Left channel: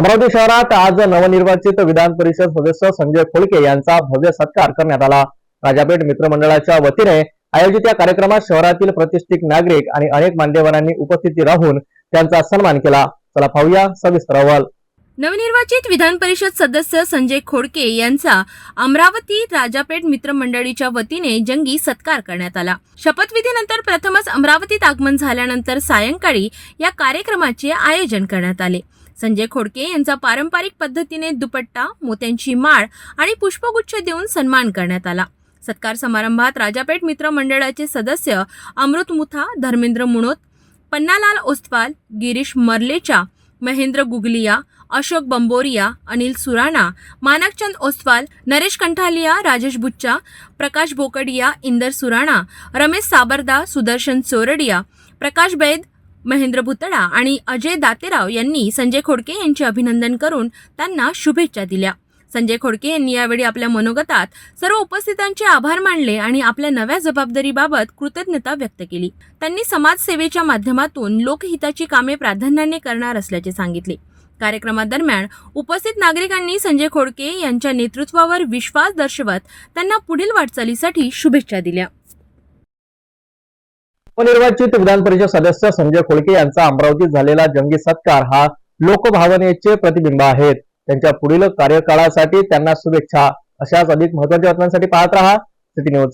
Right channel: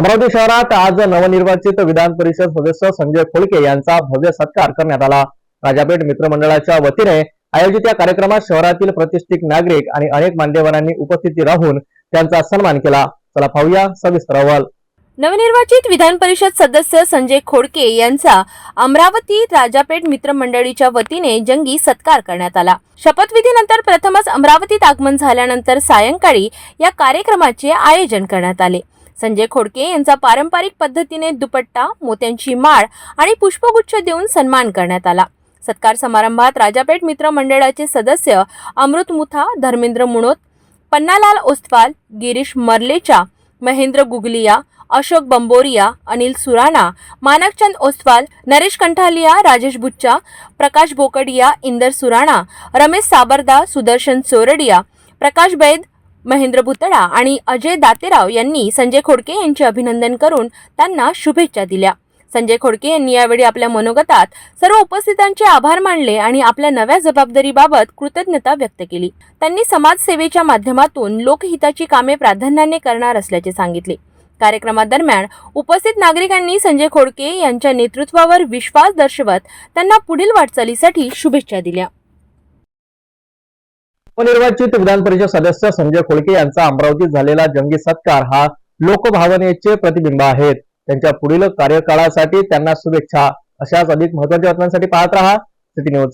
अमरावती शहरात आज नवनिर्वाचित विधान परिषद सदस्य संजय खोळके यांचा भव्य सत्कार करण्यात आला. राजापेठ मित्रमंडळाच्या वतीने आयोजित या कार्यक्रमात शहरातील प्रतिष्ठित नागरिक आणि अनेक मान्यवरांनी उपस्थिती राहून त्यांचा सन्मान केला. चला पाहूया सविस्तर अहवाल. नवनिर्वाचित विधान परिषद सदस्य संजय खोडके यांचा अमरावती राजापेठ मित्रमंडळीच्या वतीने जंगी सत्कार करण्यात आला. शपथविधीनंतर प्रथमच अमरावतीत आगमन झाल्यानंतर सायंकाळी या कार्यक्रमाचे आयोजन करण्यात आले. संजय खोडके यांचा पारंपरिक पद्धतीने दुपट्टा मोत्यांची माळ आणि पुष्पगुच्छ देऊन सन्मान करण्यात आला. सत्कार समारंभात राजापेठ मित्र मंडळाचे सदस्य अमृत मुथा धर्मेंद्र मुणोत पन्नालाल ओस्तवाल गिरीश मर्लेचा महेंद्र गुगलिया अशोक बंबोरिया अनिल सुराणा मानकचंद ओस्तवाल नरेश कंठालिया राजेश बुच्चा प्रकाश बोकडिया इंदर सुराणा रमेश साबरदा सुदर्शन चोरडिया प्रकाश बैद महेंद्र भुतडा आणि अजय दातेराव यांनी संजय खोडके यांचे अभिनंदन करून त्यांना शुभेच्छा दिल्या. संजय खोडके यांनी यावेळी आपल्या मनोगतात सर्व उपस्थितांचे आभार मानले आणि आपल्या नव्या जबाबदारीबाबत कृतज्ञता व्यक्त केली. त्यांनी समाजसेवेच्या माध्यमातून लोकहिताची कामे प्राधान्याने करणार असल्याचे सांगितले. कार्यक्रमादरम्यान उपस्थित नागरिकांनी संजय खोडके यांच्या नेतृत्वावर विश्वास दर्शवत त्यांना पुढील वाटचालीसाठी शुभेच्छा दिल्या. नवनिर्वाचित विधान परिषद सदस्य संजय खोडके यांचा अमरावतीत झालेला जंगी सत्कार हा लोकभावनेचे प्रतिबिंब आहेत. त्यांच्या पुढील कार्यकाळासाठी त्यांना शुभेच्छा. अशाच अधिक महत्त्वाच्या बातम्यांसाठी पाहत रहा. City news.